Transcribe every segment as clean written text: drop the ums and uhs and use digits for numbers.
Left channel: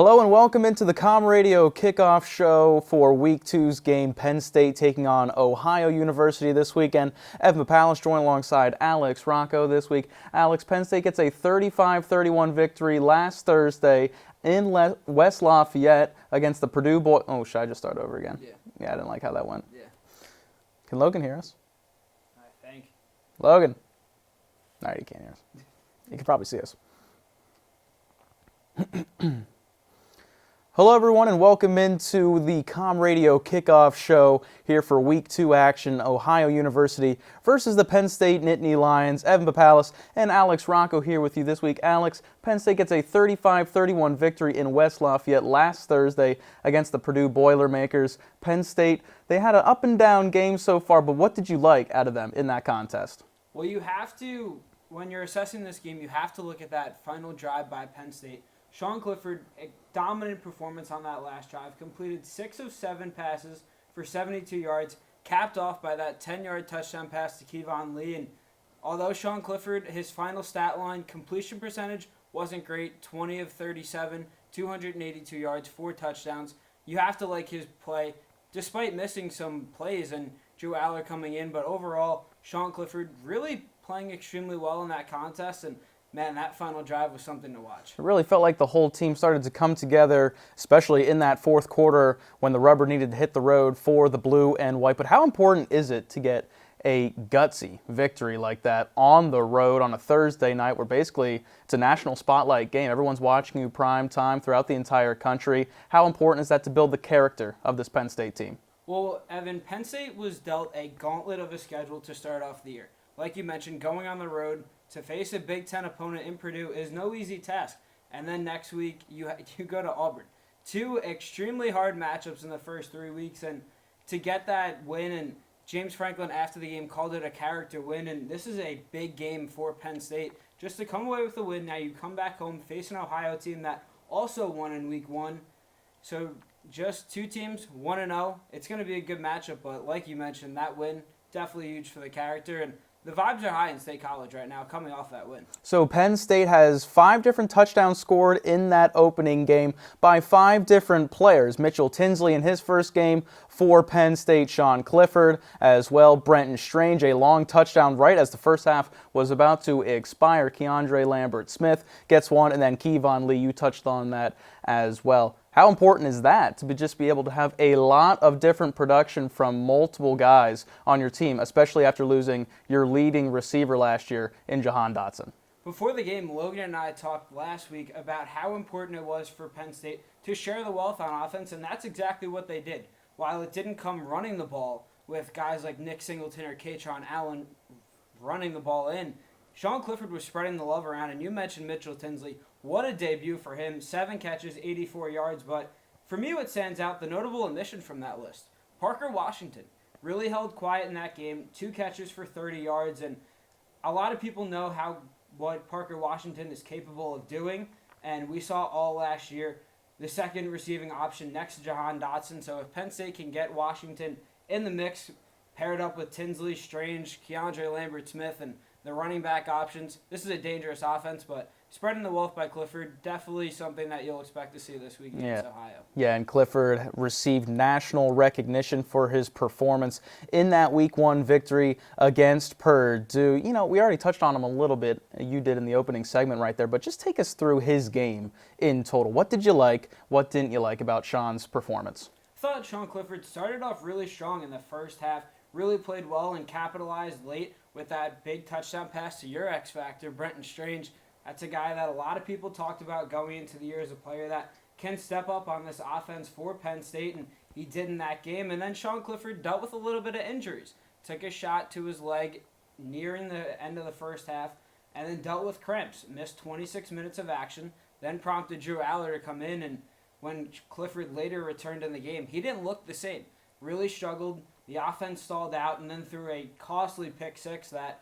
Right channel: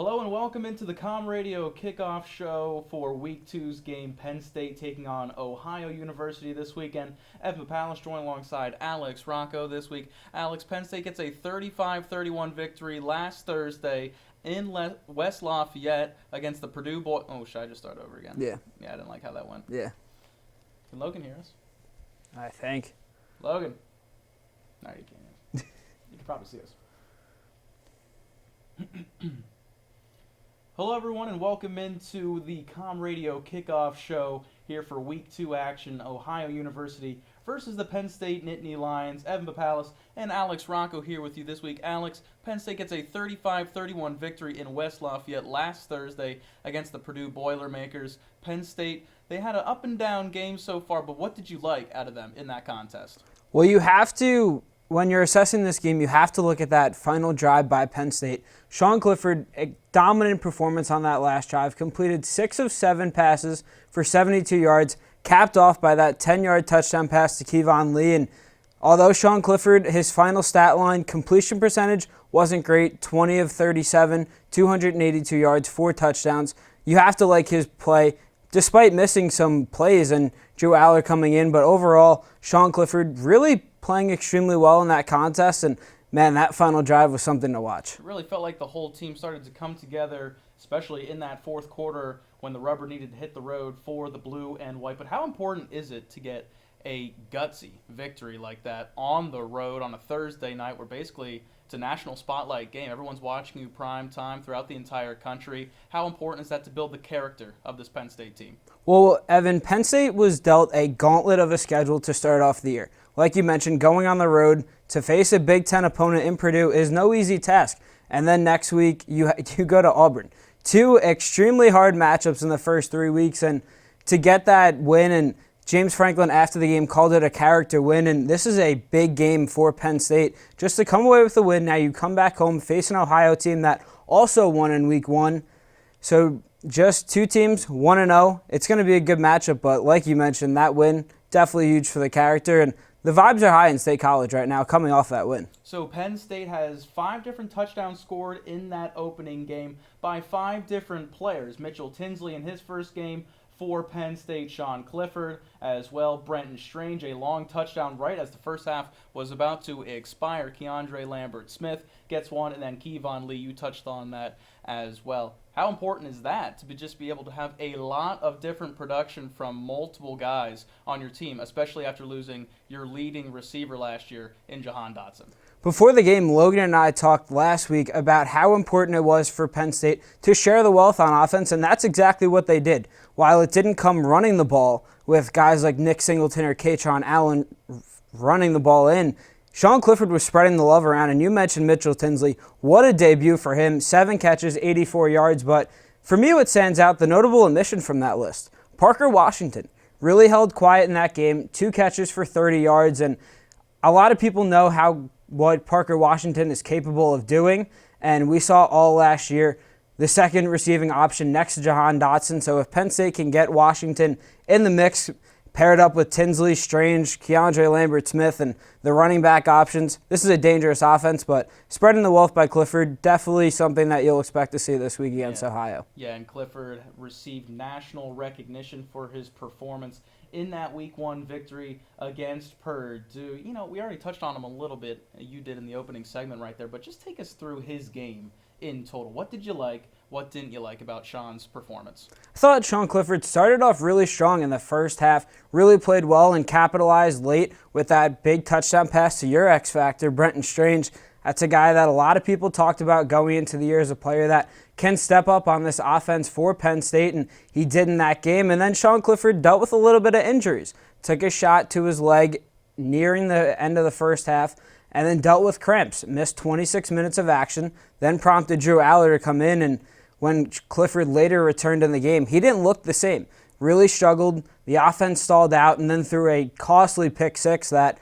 Hello and welcome into the CommRadio Kickoff show for Week 2's game. Penn State taking on Ohio University this weekend. Evan Papalis joined alongside Alex Rocco this week. Alex, Penn State gets a 35-31 victory last Thursday in West Lafayette against the Purdue boys. Oh, should I just start over again? Yeah. Yeah, I didn't like how that went. Yeah. Can Logan hear us? I think. Logan. No, you can't hear us. You can probably see us. Hello everyone and welcome into the CommRadio Kickoff show here for Week 2 action. Ohio University versus the Penn State Nittany Lions. Evan Papalis and Alex Rocco here with you this week. Alex, Penn State gets a 35-31 victory in West Lafayette last Thursday against the Purdue Boilermakers. Penn State, they had an up and down game so far, but what did you like out of them in that contest? Well, you have to, when you're assessing this game, you have to look at that final drive by Penn State. Sean Clifford, a dominant performance on that last drive, completed 6 of 7 passes for 72 yards, capped off by that 10-yard touchdown pass to Kevon Lee. And although Sean Clifford, his final stat line, completion percentage wasn't great, 20 of 37, 282 yards, 4 touchdowns. You have to like his play, despite missing some plays and Drew Aller coming in. But overall, Sean Clifford really playing extremely well in that contest, and man, that final drive was something to watch. It really felt like the whole team started to come together, especially in that fourth quarter when the rubber needed to hit the road for the blue and white. But how important is it to get a gutsy victory like that on the road on a Thursday night where basically it's a national spotlight game? Everyone's watching you prime time throughout the entire country. How important is that to build the character of this Penn State team? Well, Evan, Penn State was dealt a gauntlet of a schedule to start off the year. Like you mentioned, going on the road to face a Big Ten opponent in Purdue is no easy task. And then next week, you go to Auburn. 2 extremely hard matchups in the first 3 weeks. And to get that win, and James Franklin after the game called it a character win, and this is a big game for Penn State. Just to come away with the win, now you come back home, face an Ohio team that also won in Week 1. So just 2 teams, 1-0. It's going to be a good matchup, but like you mentioned, that win, definitely huge for the character. And the vibes are high in State College right now coming off that win. So Penn State has 5 different touchdowns scored in that opening game by 5 different players. Mitchell Tinsley in his first game for Penn State, Sean Clifford as well. Brenton Strange, a long touchdown right as the first half was about to expire. Keandre Lambert-Smith gets one, and then Kevon Lee, you touched on that as well. How important is that to just be able to have a lot of different production from multiple guys on your team, especially after losing your leading receiver last year in Jahan Dotson? Before the game, Logan and I talked last week about how important it was for Penn State to share the wealth on offense, and that's exactly what they did. While it didn't come running the ball with guys like Nick Singleton or Katron Allen running the ball in, Sean Clifford was spreading the love around, and you mentioned Mitchell Tinsley. What a debut for him. 7 catches, 84 yards. But for me, what stands out, the notable omission from that list, Parker Washington really held quiet in that game. 2 catches for 30 yards, and a lot of people know what Parker Washington is capable of doing, and we saw all last year the second receiving option next to Jahan Dotson. So if Penn State can get Washington in the mix, paired up with Tinsley, Strange, Keandre Lambert-Smith, and the running back options, this is a dangerous offense, but spreading the wealth by Clifford, definitely something that you'll expect to see this week against Ohio. Yeah, and Clifford received national recognition for his performance in that Week 1 victory against Purdue. You know, we already touched on him a little bit. You did in the opening segment right there, but just take us through his game in total. What did you like? What didn't you like about Sean's performance? I thought Sean Clifford started off really strong in the first half, really played well and capitalized late with that big touchdown pass to your X-Factor, Brenton Strange. That's a guy that a lot of people talked about going into the year as a player that can step up on this offense for Penn State, and he did in that game. And then Sean Clifford dealt with a little bit of injuries. Took a shot to his leg nearing the end of the first half, and then dealt with cramps. Missed 26 minutes of action, then prompted Drew Aller to come in, and when Clifford later returned in the game, he didn't look the same. Really struggled. The offense stalled out and then threw a costly pick 6 that,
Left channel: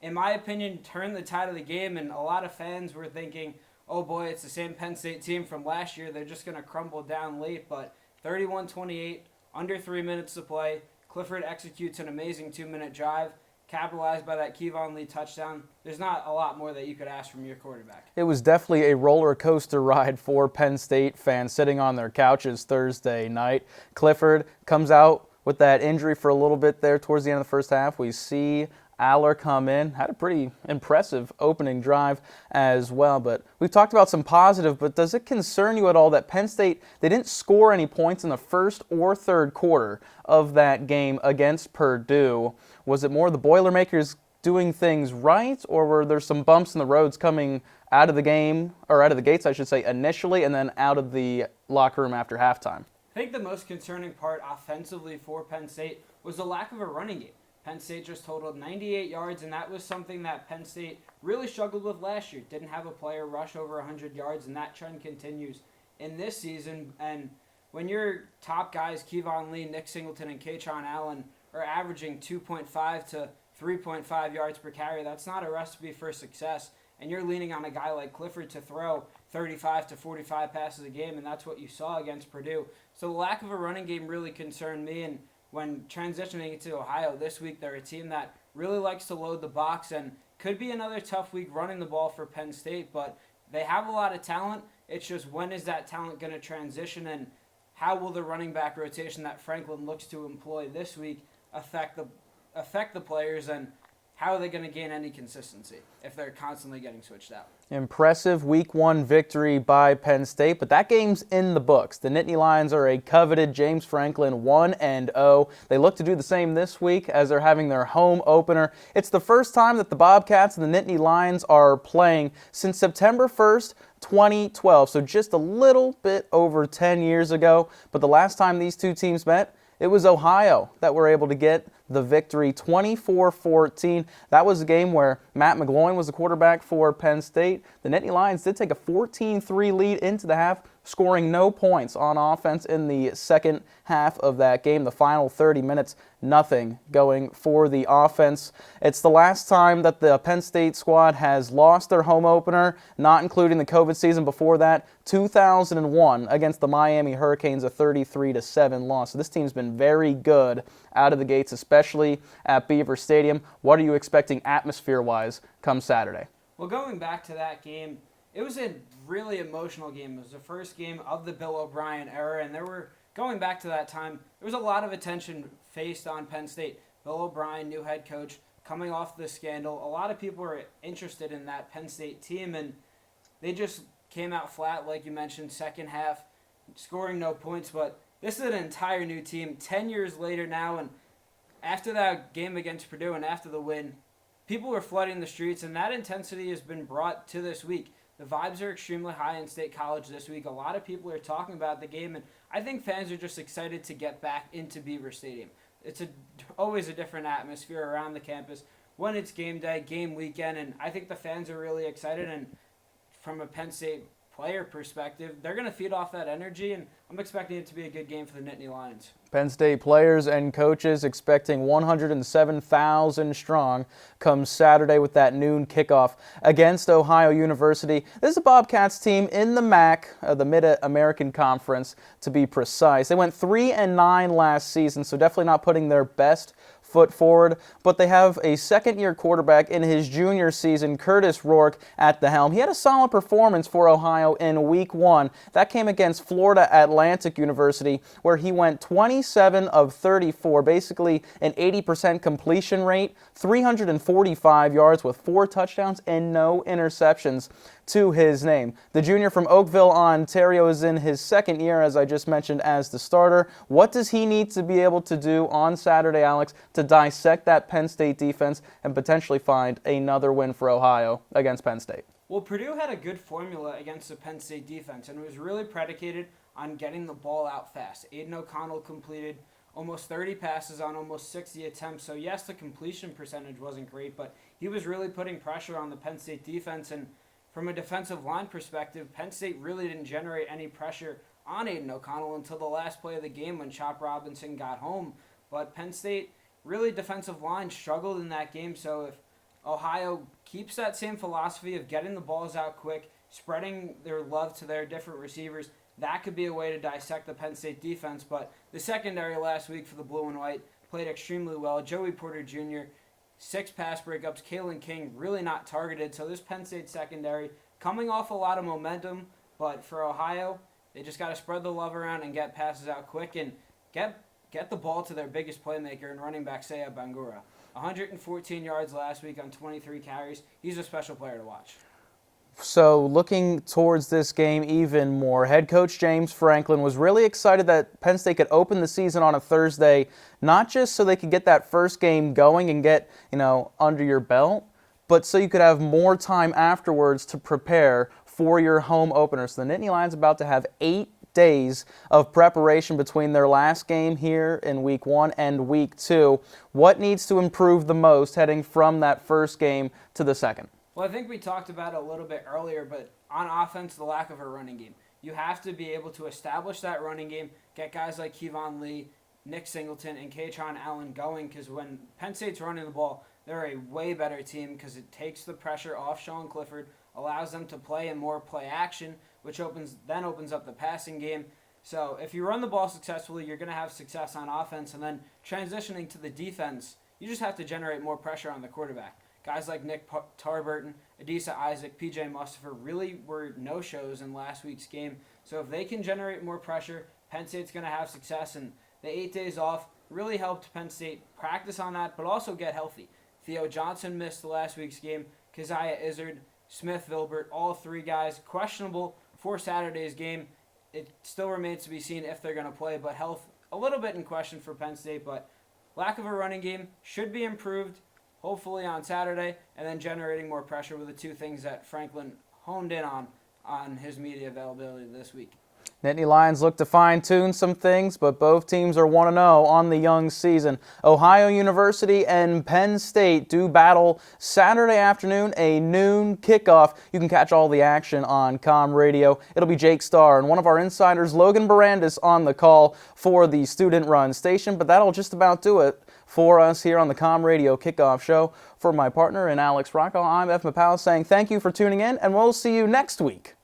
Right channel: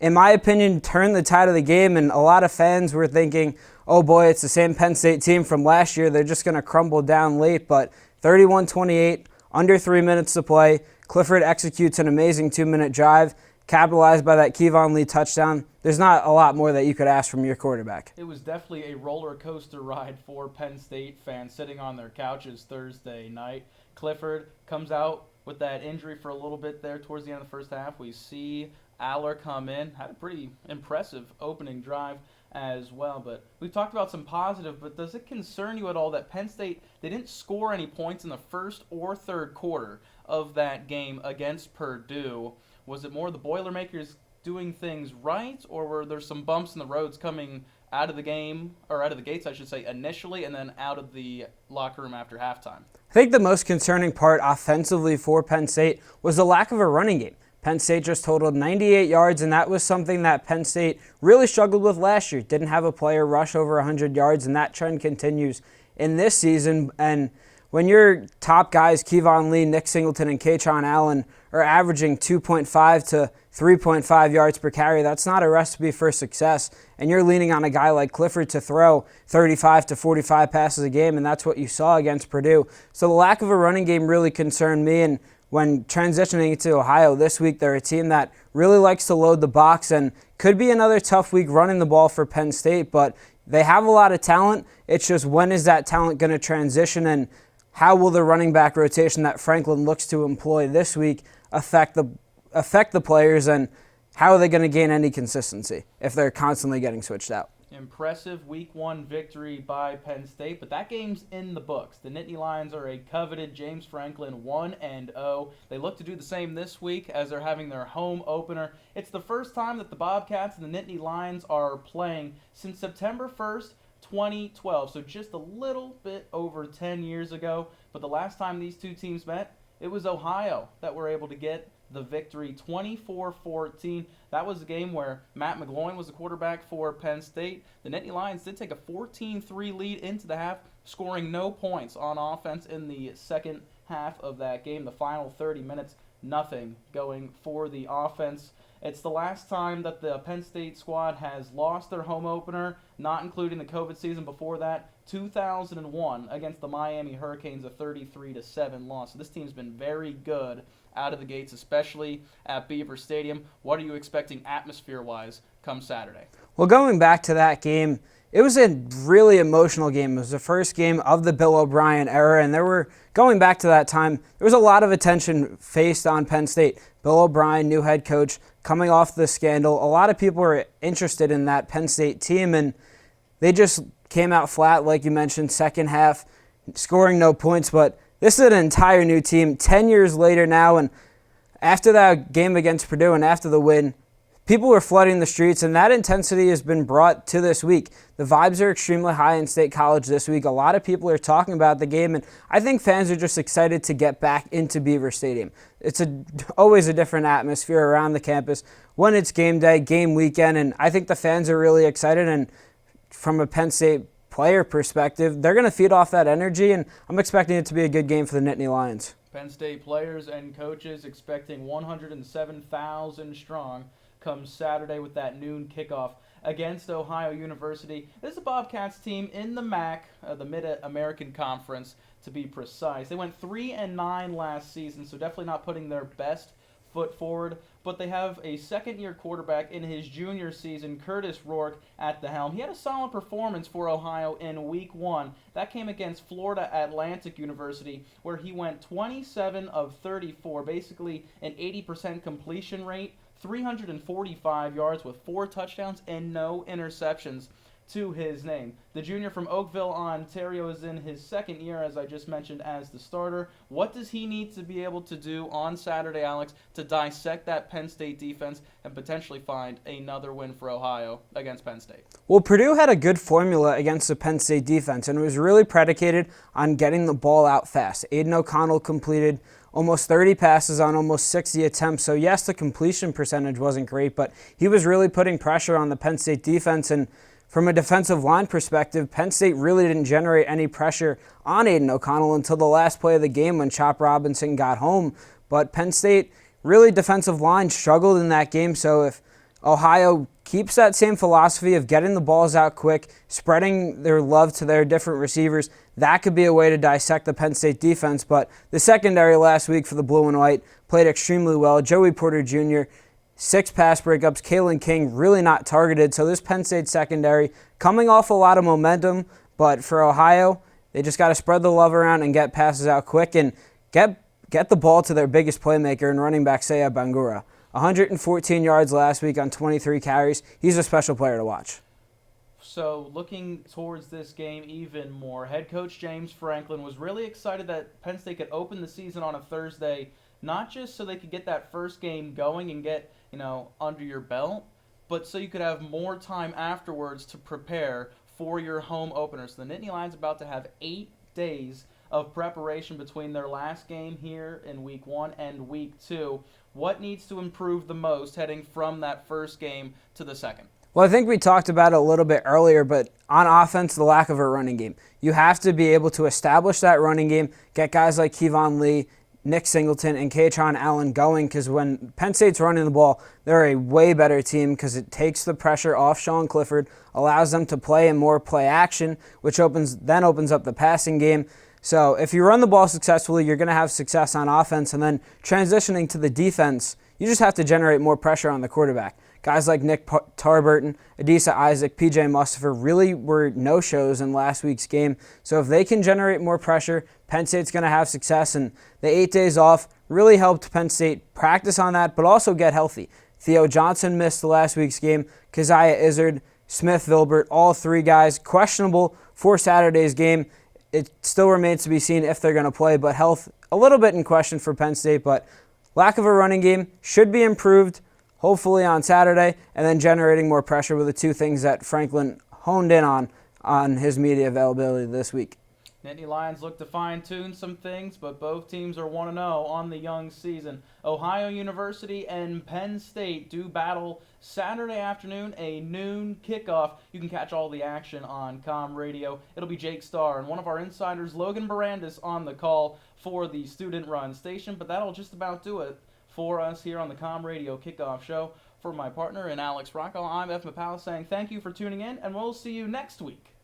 in my opinion, turned the tide of the game. And a lot of fans were thinking, oh boy, it's the same Penn State team from last year. They're just going to crumble down late. But 31-28, under 3 minutes to play. Clifford executes an amazing 2-minute drive. capitalized by that Kevon Lee touchdown. There's not a lot more that you could ask from your quarterback. It was definitely a roller coaster ride for Penn State fans sitting on their couches Thursday night. Clifford comes out with that injury for a little bit there towards the end of the first half. We see Aller come in, had a pretty impressive opening drive as well. But we've talked about some positive, but does it concern you at all that Penn State, they didn't score any points in the first or third quarter of that game against Purdue? Was it more the Boilermakers doing things right, or were there some bumps in the roads coming out of the game, or out of the gates, I should say, initially, and then out of the locker room after halftime? I think the most concerning part offensively for Penn State was the lack of a running game. Penn State just totaled 98 yards, and that was something that Penn State really struggled with last year. Didn't have a player rush over 100 yards, and that trend continues in this season. And when your top guys, Kevon Lee, Nick Singleton, and Kaytron Allen, are averaging 2.5 to 3.5 yards per carry, that's not a recipe for success. And you're leaning on a guy like Clifford to throw 35 to 45 passes a game, and that's what you saw against Purdue. So the lack of a running game really concerned me, and when transitioning to Ohio this week, they're a team that really likes to load the box and could be another tough week running the ball for Penn State, but they have a lot of talent. It's just when is that talent going to transition, and how will the running back rotation that Franklin looks to employ this week affect the players, and how are they going to gain any consistency if they're constantly getting switched out? Impressive Week 1 victory by Penn State, but that game's in the books. The Nittany Lions are a coveted James Franklin 1-0. They look to do the same this week as they're having their home opener. It's the first time that the Bobcats and the Nittany Lions are playing since September 1st, 2012, so just a little bit over 10 years ago. But the last time these two teams met, it was Ohio that were able to get the victory, 24-14. That was a game where Matt McGloin was the quarterback for Penn State. The Nittany Lions did take a 14-3 lead into the half, scoring no points on offense in the second half of that game. The final 30 minutes, nothing going for the offense. It's the last time that the Penn State squad has lost their home opener, not including the COVID season before that, 2001 against the Miami Hurricanes, a 33-7 loss. So this team's been very good out of the gates, especially at Beaver Stadium. What are you expecting atmosphere-wise come Saturday? Well, going back to that game, it was a really emotional game. It was the first game of the Bill O'Brien era, and going back to that time, there was a lot of attention faced on Penn State. Bill O'Brien, new head coach, coming off the scandal. A lot of people were interested in that Penn State team, and they just came out flat, like you mentioned, second half, scoring no points. But this is an entire new team 10 years later now, and after that game against Purdue and after the win, people were flooding the streets, and that intensity has been brought to this week. The vibes are extremely high in State College this week. A lot of people are talking about the game, and I think fans are just excited to get back into Beaver Stadium. It's always a different atmosphere around the campus when it's game day, game weekend, and I think the fans are really excited, and from a Penn State player perspective, they're going to feed off that energy, and I'm expecting it to be a good game for the Nittany Lions. Penn State players and coaches expecting 107,000 strong come Saturday with that noon kickoff against Ohio University. This is a Bobcats team in the MAC, the Mid-American Conference to be precise. They went 3-9 last season, so definitely not putting their best foot forward, but they have a second-year quarterback in his junior season, Curtis Rourke, at the helm. He had a solid performance for Ohio in Week 1. That came against Florida Atlantic University, where he went 27 of 34, basically an 80% completion rate, 345 yards with 4 touchdowns and no interceptions to his name. The junior from Oakville, Ontario, is in his second year, as I just mentioned, as the starter. What does he need to be able to do on Saturday, Alex, to dissect that Penn State defense and potentially find another win for Ohio against Penn State? Well, Purdue had a good formula against the Penn State defense, and it was really predicated on getting the ball out fast. Aiden O'Connell completed almost 30 passes on almost 60 attempts. So yes, the completion percentage wasn't great, but he was really putting pressure on the Penn State defense. And from a defensive line perspective, Penn State really didn't generate any pressure on Aiden O'Connell until the last play of the game when Chop Robinson got home. But Penn State, really defensive line struggled in that game. So if Ohio keeps that same philosophy of getting the balls out quick, spreading their love to their different receivers, that could be a way to dissect the Penn State defense. But the secondary last week for the Blue and White played extremely well. Joey Porter Jr., 6 pass breakups. Kalen King really not targeted. So this Penn State secondary coming off a lot of momentum, but for Ohio, they just got to spread the love around and get passes out quick and get the ball to their biggest playmaker and running back, Saya Bangura. 114 yards last week on 23 carries. He's a special player to watch. So looking towards this game even more, head coach James Franklin was really excited that Penn State could open the season on a Thursday, not just so they could get that first game going and get, under your belt, but so you could have more time afterwards to prepare for your home opener. So the Nittany Lions about to have 8 days of preparation between their last game here in week 1 and week 2. What needs to improve the most heading from that first game to the second? Well, I think we talked about it a little bit earlier, but on offense, the lack of a running game. You have to be able to establish that running game, get guys like Kevon Lee, Nick Singleton, and Katron Allen going, because when Penn State's running the ball, they're a way better team because it takes the pressure off Sean Clifford, allows them to play in more play action, which opens up the passing game. So if you run the ball successfully, you're going to have success on offense, and then transitioning to the defense, you just have to generate more pressure on the quarterback. Guys like Nick Tarburton, Adisa Isaac, P.J. Mustafa really were no-shows in last week's game. So if they can generate more pressure, Penn State's going to have success. And the 8 days off really helped Penn State practice on that, but also get healthy. Theo Johnson missed the last week's game. Keziah Izzard, Smith Vilbert, all 3 guys questionable for Saturday's game. It still remains to be seen if they're going to play, but health a little bit in question for Penn State. But lack of a running game should be improved, hopefully on Saturday, and then generating more pressure were the 2 things that Franklin honed in on his media availability this week. Nittany Lions look to fine-tune some things, but both teams are 1-0 on the young season. Ohio University and Penn State do battle Saturday afternoon, a noon kickoff. You can catch all the action on CommRadio. It'll be Jake Starr and one of our insiders, Logan Barandis, on the call for the student-run station, but that'll just about do it for us here on the CommRadio Kickoff Show. For my partner and Alex Rocco, I'm F. Mapao saying thank you for tuning in, and we'll see you next week.